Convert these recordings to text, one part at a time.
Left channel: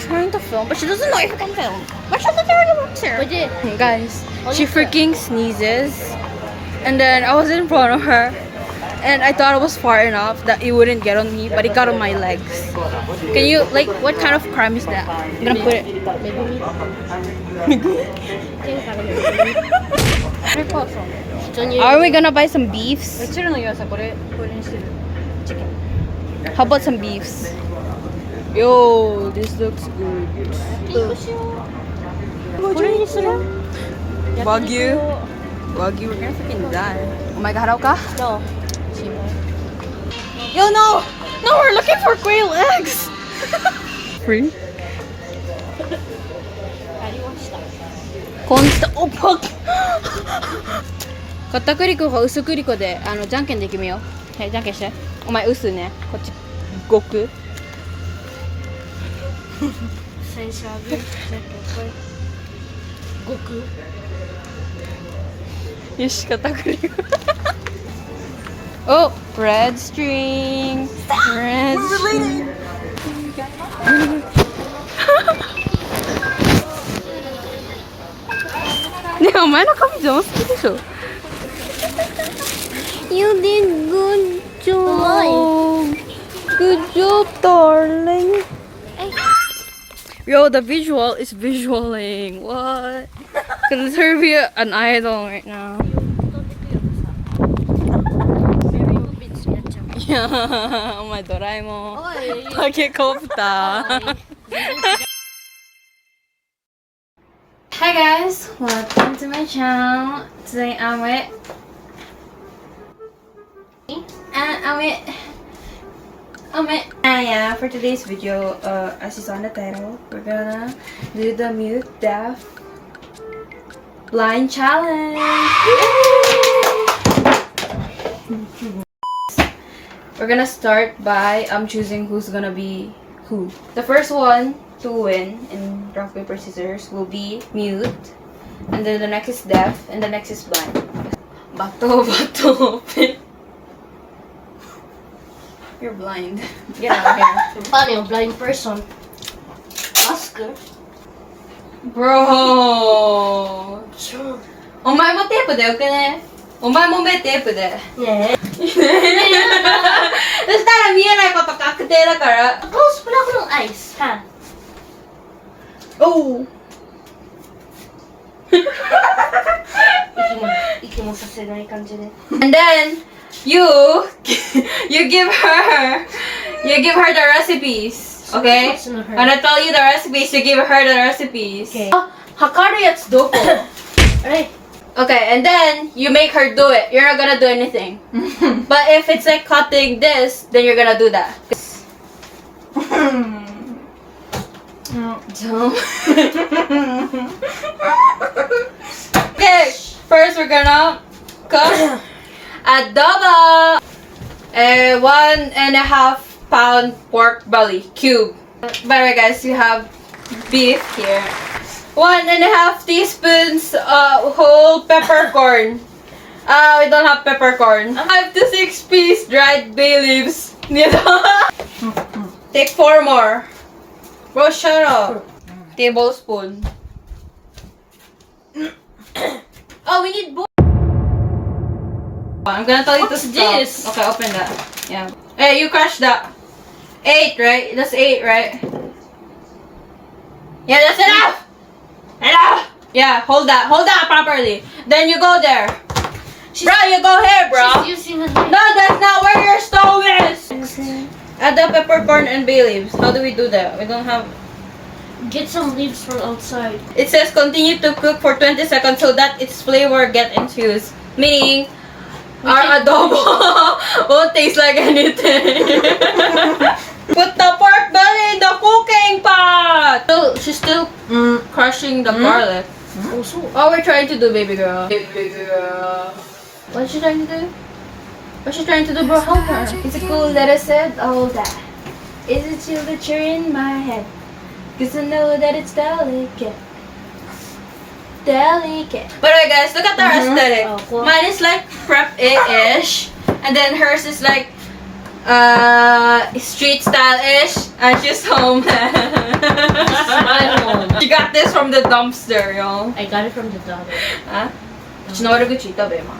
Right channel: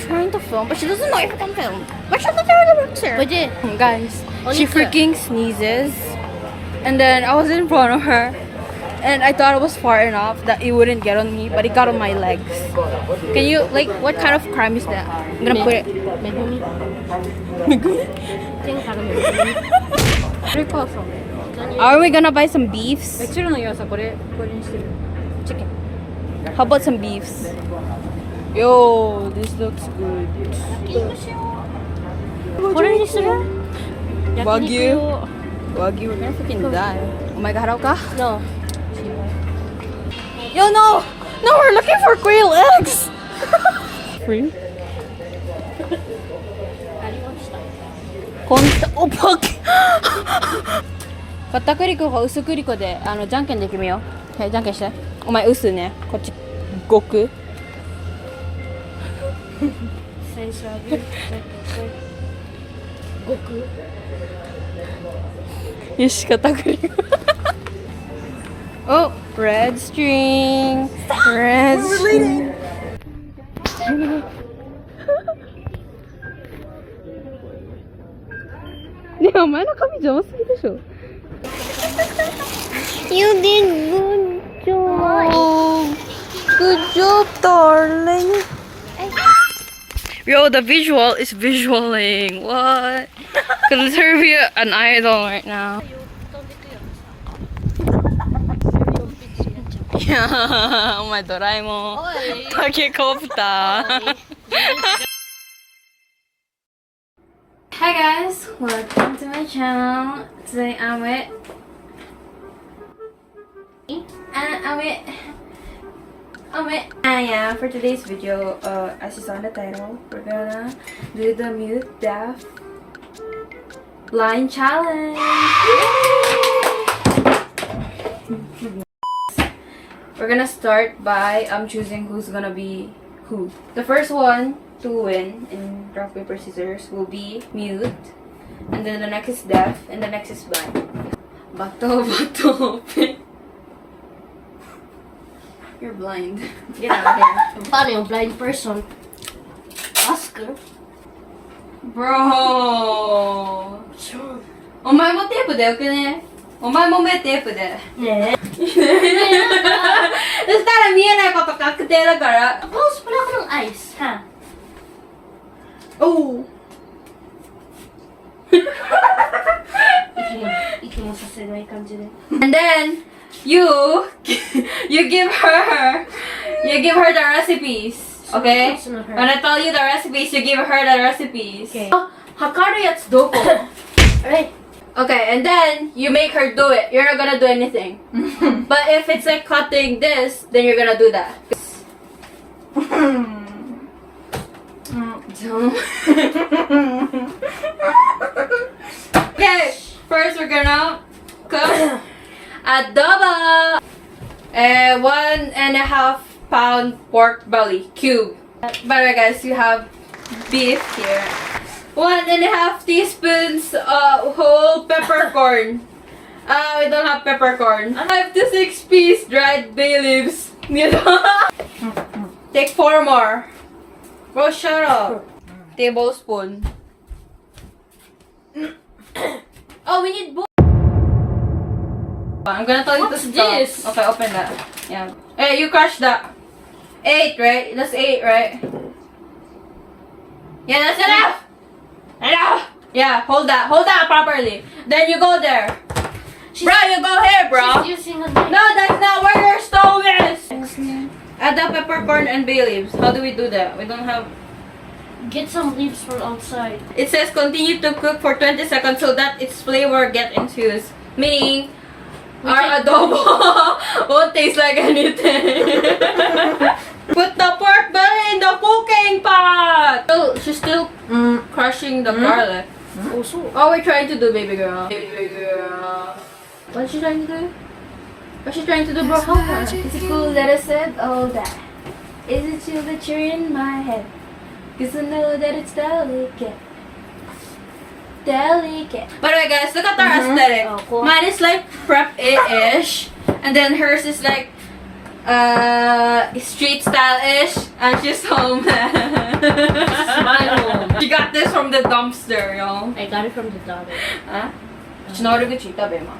trying to film, but she doesn't know if I can film. But she's not doing the picture. Guys, she freaking sneezes. And then I was in front of her. And I thought it was far enough that it wouldn't get on me, but it got on my legs. Can you, like, what kind of crime is that? I'm gonna put it. Are we gonna buy some beefs? How about some beefs? Yo, this looks good. Wagyu. Wagyu, we're gonna freaking die. Oh my god, Hauka? No. Yo, no! No, we're looking for quail eggs! Free? Oh, fuck! 片栗粉か薄栗粉でじゃんけんで決めよう。はい、じゃんけんして。お前薄ね。こっち極。最初はグー、じゃんけんこれ。極。よし、片栗粉。Oh, red string. Red string. Ne, お前の髪上手でしょ。You did good job. Good job, darling. Yo, the visual is visualing. What? Could her be an idol right now? Yeah, お前ドラえもん。タケコプター。Hi guys, welcome to my channel. Today I'm with yeah, for today's video, as you saw in the title, we're gonna do the mute deaf blind challenge. We're gonna start by choosing who's gonna be who. The first one to win in rock paper scissors will be mute, and then the next is deaf, and the next is blind. Bato. You're blind. Get out of here. Paano yung blind person? Oscar? Bro! お前もテープでよくね？お前も目テープで。ねえ。そしたら見えないこと確定だから。 Close pala ako ng eyes, ha? Oh! 息もさせない感じで。 And then you give her the recipes, okay? When I tell you the recipes, you give her the recipes. Okay. 測るやつどこ? Alright. Okay, and then you make her do it. You're not gonna do anything. But if it's like cutting this, then you're gonna do that. Okay, first we're gonna cook adobo. 1.5 pound pork belly cube. By the way, guys, you have beef here. 1.5 teaspoons whole peppercorn. We don't have peppercorn. 5 to 6 piece dried bay leaves. Take 4 more. Bro, shut up. Tablespoon. Oh, we need more. I'm gonna tell you to What's stop. this? Okay, open that. Yeah. Hey, you crushed that. 8, right? That's 8, right? Yeah, that's enough. Enough. Yeah, hold that properly. Then you go there. Bro, you go here, bro. She's using a No, that's not where your stove is. Add the peppercorn and bay leaves. How do we do that? We don't have. Get some leaves from outside. It says continue to cook for 20 seconds so that its flavor get infused. Meaning, our adobo won't taste like anything. Put the pork belly in the cooking pot. Oh, she's still crushing the garlic. Also. What we're trying to do, baby girl. Baby girl. What's she trying to do? What's she trying to do, bro? Help her. Is it cool that I said all that? Is it chill that you're in my head? Cause I know that it's delicate. Delicate. By the way, guys, look at our aesthetic. Oh, cool. Mine is like prep-ish. And then hers is like street style-ish. And she's homeless. the dumpster, yo. I got it from the daughter. Huh? Sinawari ko chita, be, ma.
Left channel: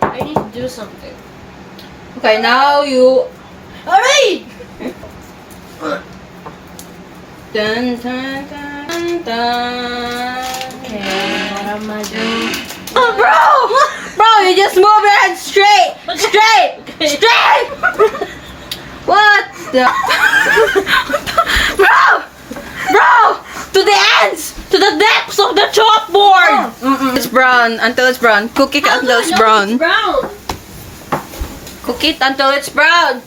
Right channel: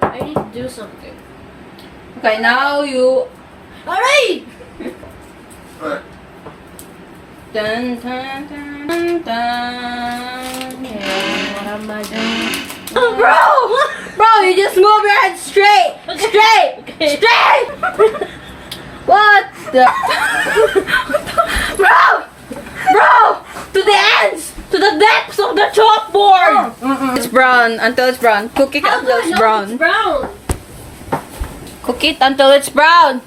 I need to do something. Okay, now you... Alright! Dun, dun, dun, dun. Okay, what am I doing? Oh, bro! Bro, you just move your head straight! Straight! Okay. Straight! What the... Bro! Bro! To the ends! To the depths of the chalkboard! It's brown until it's brown. Cook it until it's brown. It's brown. Cook it until it's brown.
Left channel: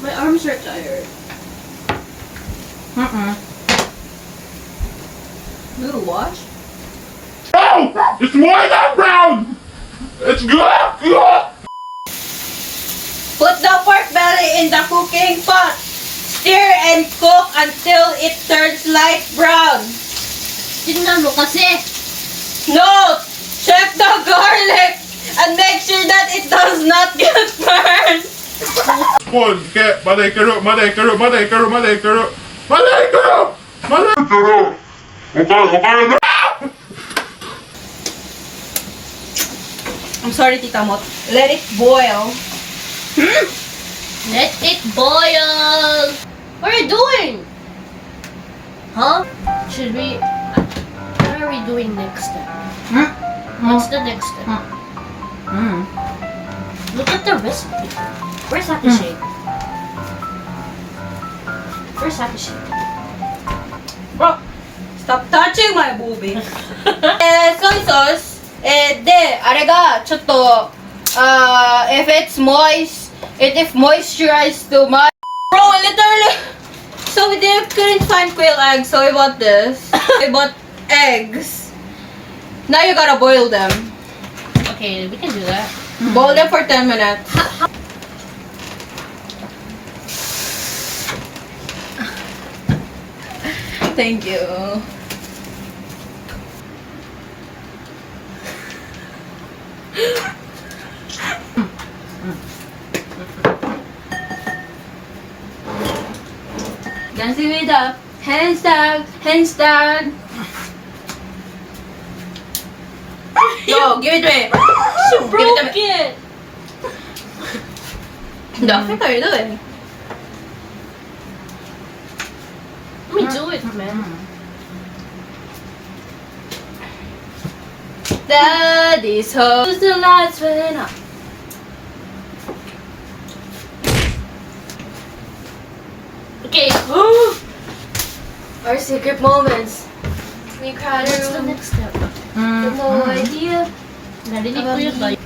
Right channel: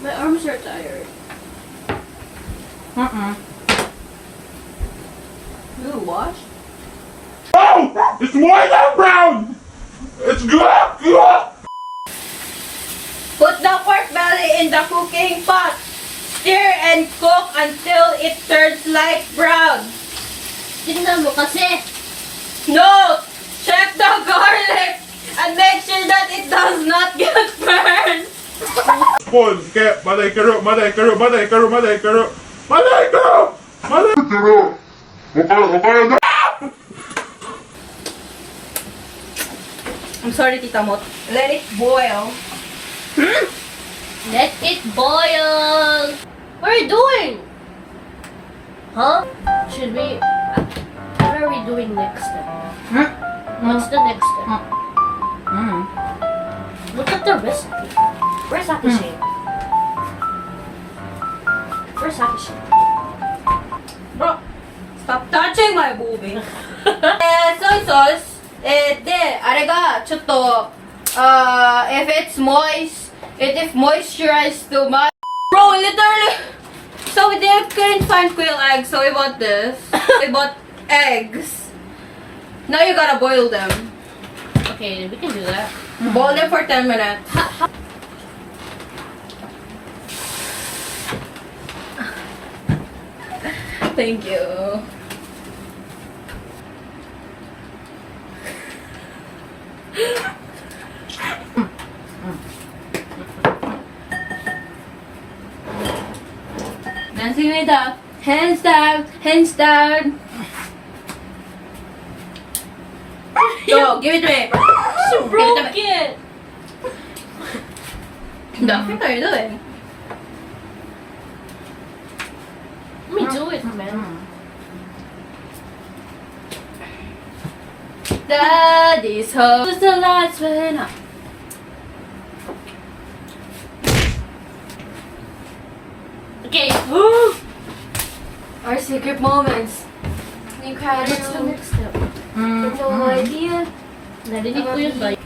My arms are tired. Little wash? No! It's more than brown! It's good! Put the pork belly in the cooking pot. Stir and cook until it turns light brown. Tingnan mo kasi. Note! Check the garlic and make sure that it does not get burned. Pause, get, malay karo. I'm sorry, Tita Mot. Let it boil. Let it boil. What are you doing? Huh? Should we... What are we doing next step? What's the next step? Look at the recipe. Where's Hakushi? Where's Hakushi? Bro, stop touching my boobie. Soy sauce. If it's moist, if moisturized too much. Bro, literally. So we couldn't find quail eggs, so we bought this. We bought eggs. Now you gotta boil them. Okay, we can do that. Boil them for 10 minutes. Thank you. Dancing with the hands down, hands down. Go, give it to me. She broke it! The fuck are you doing? Let me do it, man. Daddy's home. The lights went up. Okay. Our secret moments. We cried. What's the next step? No idea. Narinig ko yun ba?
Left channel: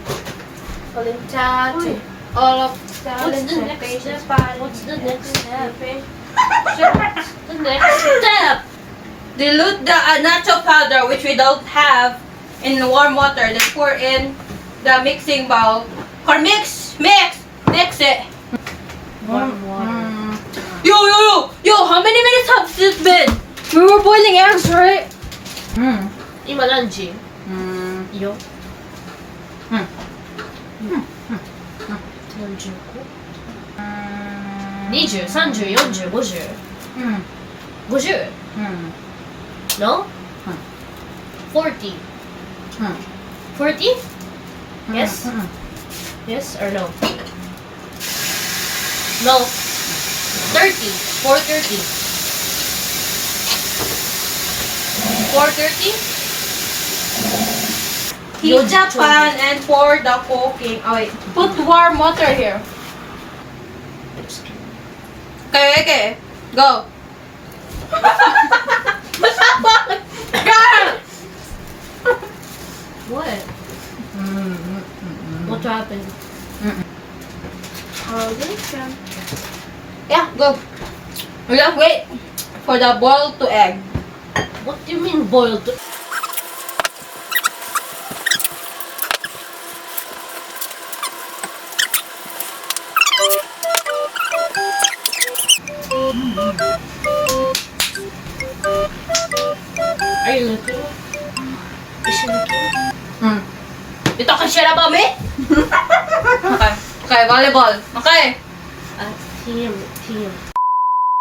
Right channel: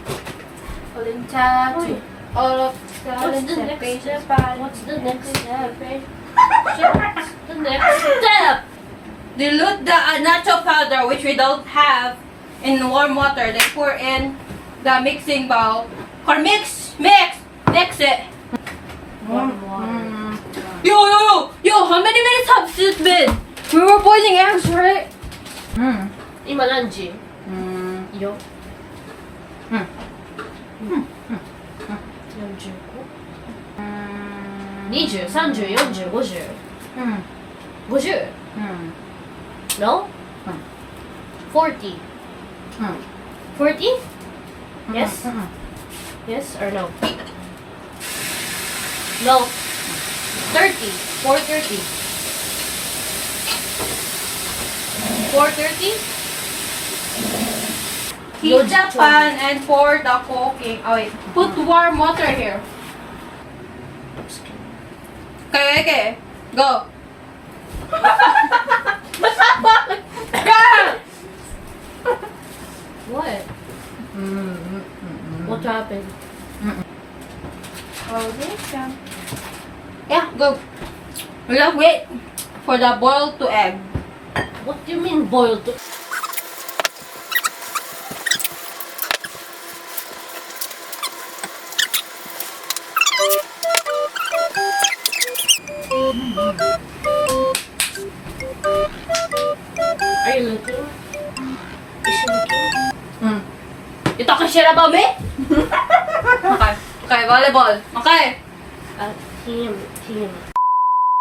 All in tattoo. Uy. All of What's the next step? What's the next step? What's The next step! Dilute the nacho powder, which we don't have, in warm water. Then pour in the mixing bowl. Or mix it. Warm water. Yo, how many minutes have this been? We were boiling eggs, right? Imalanji. Yo. 20、30、40、50。50? No? 40. 40? Yes? Yes or no? No. 30. 430. 430? Heat the pan and pour the cooking. Oh wait, put warm water here. Okay. Go. What? What happened? Yeah, go. We just wait for the boil to egg. What do you mean boiled? Are you looking? Is she looking? You talking shit about me? Okay, volleyball. Okay. Team.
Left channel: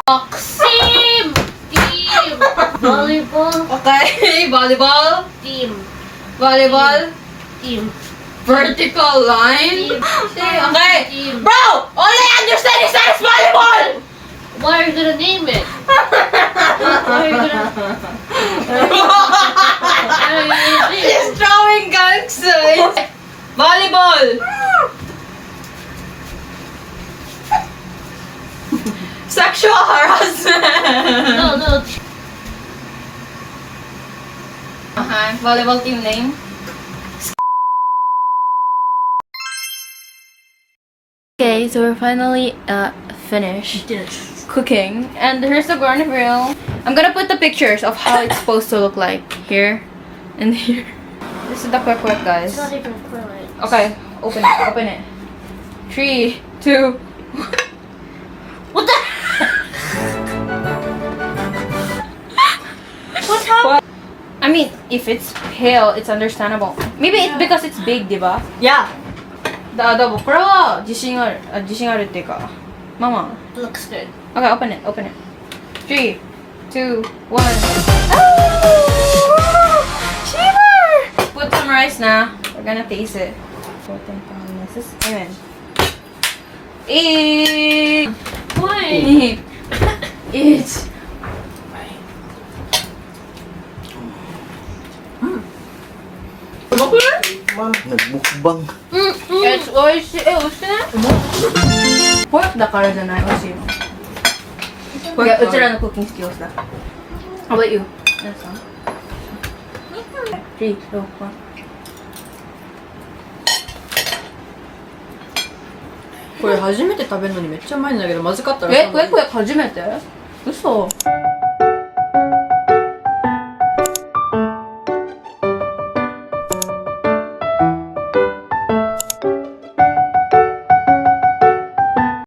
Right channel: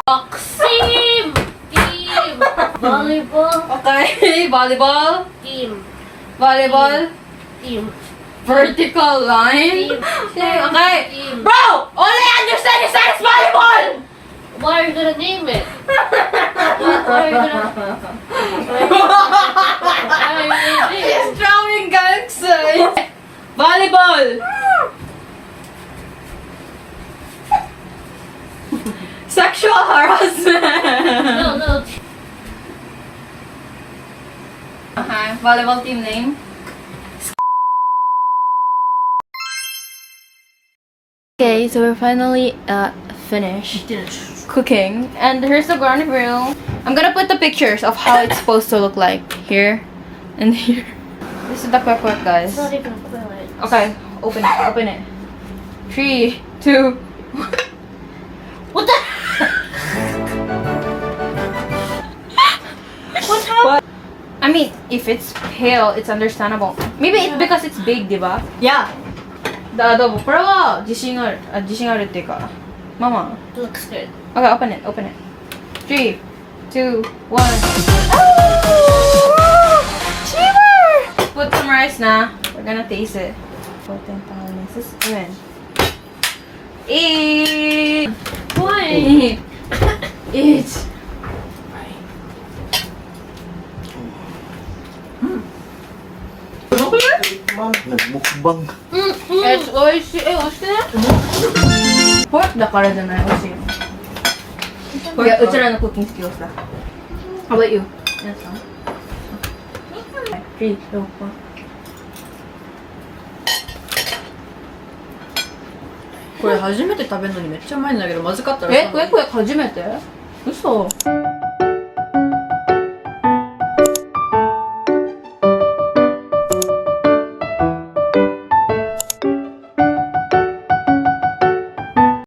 Box. Team. Volleyball. Okay. Volleyball. Team. Volleyball. Team. Vertical line. Okay. Team. Bro! All I understand is that it's volleyball! What are you gonna name it? What are you gonna name it? She's drawing gangsters. Volleyball. Sexual harassment. No. Volleyball team name. Okay, so we're finally finished cooking, and here's the garnish grill. I'm gonna put the pictures of how it's supposed to look like here and here. This is the quick guys. It's not even equivalent. Okay, open it. 3, 2, 1. What the? What happened? What? I mean, if it's pale, it's understandable. Maybe it's because it's big, diba? Yeah. The adobo. これは自信あるっていうか。ママ。 Looks good. Okay, open it. 3, 2, 1. Oh! Shiver! Put some rice now. We're gonna taste it. Amen. Eat! Why? Eat! Nagmukbang. It's oishi. Oishi ne? Pork だからじゃない、美味しいの。いや、うちらのクッキングスキルだ。How about you? 皆さん。3, 2, 1. これ初めて食べるのにめっちゃうまいんだけど、まずかったらこれ初めて？嘘。